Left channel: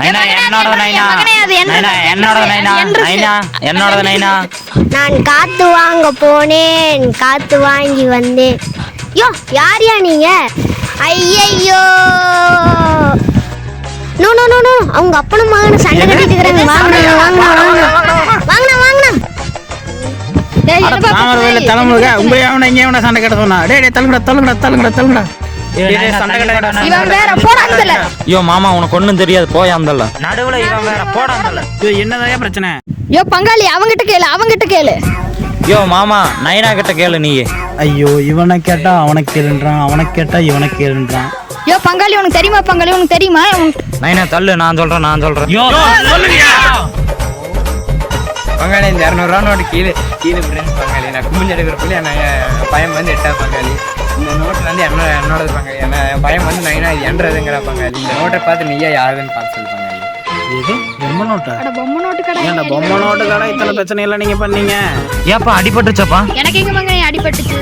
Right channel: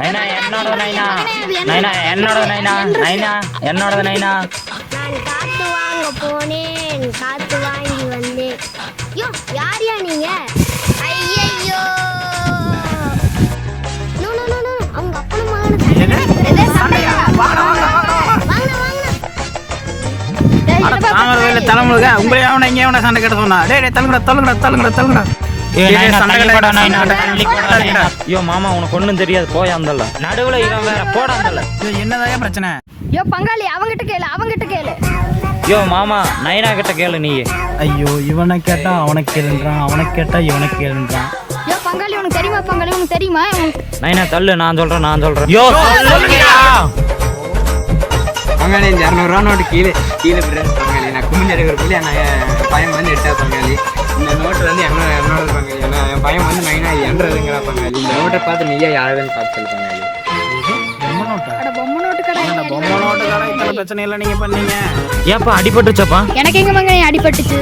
நைனா என்னோட நைனா நைனா என்னோட நைனா நைனா என்னோட நைனா. நான் காத்து வாங்க போனேன், காத்து வாங்கி வந்தேன். யோ யாரியா நீங்க? ஐயையோ, நோ நோ நோ நோ, அவங்க அப்பனும் மகனும் சண்டை கட்டிட்டு இருக்காங்க. வாங்கண்ணா வாங்கண்ணா வாங்கண்ணா வாங்கண்ணா. தலைமுருக உங்களே அவனை இங்கே அவனை சண்டை கட்ட சொன்னா. டேய் தள்ளுங்கடா தள்ளுங்கடா தள்ளுங்கடா தள்ளுங்கடா. ஐயோ மாமா உனக்கு ஒண்ணும் தெரியாது, போய் அந்தல்ல நடுவுல இவன் வேற போட அந்தல்ல. என்னதான் பிரச்சனை? யோ பங்காளி அவங்கிட்ட கேளு. யோ மாமா நைனா கிட்ட கேளு நீ. ஐயோ இவனை கேட்டா அவனுக்கு கேளுன்றான், அவனுக்கு கேட்டா இவனுக்கு கேளுன்றான். யோ பங்காளி உனக்கு தெரியுமா? பங்காளி உனக்கு தெரியுமா? நைனா தள்ளு, நான் சொல்றேன். பங்காளி இந்த 200 நோட்டு கீழே பங்காளி. நான் கும்பிட்டு எடுக்கிறதுக்குள்ள நான் பையன் வந்து எட்டா பங்காளி. இந்த நோட்டு வந்து என்னோட பங்காளி. என் பையன் வந்து நைனா என்றதுங்கிற பங்காளி. இந்த நோட்டை பார்த்து நீயா யாருன்னு பார்த்து சொல்லு பங்காளி. பொம்மை நோட்டு கடை இத்தனை பிரச்சனை எல்லாம் நீங்க பண்ணீங்க. ஏப்பா அடிபட்டுச்சப்பா? எனக்கு எங்க அடிபட்டுச்சு?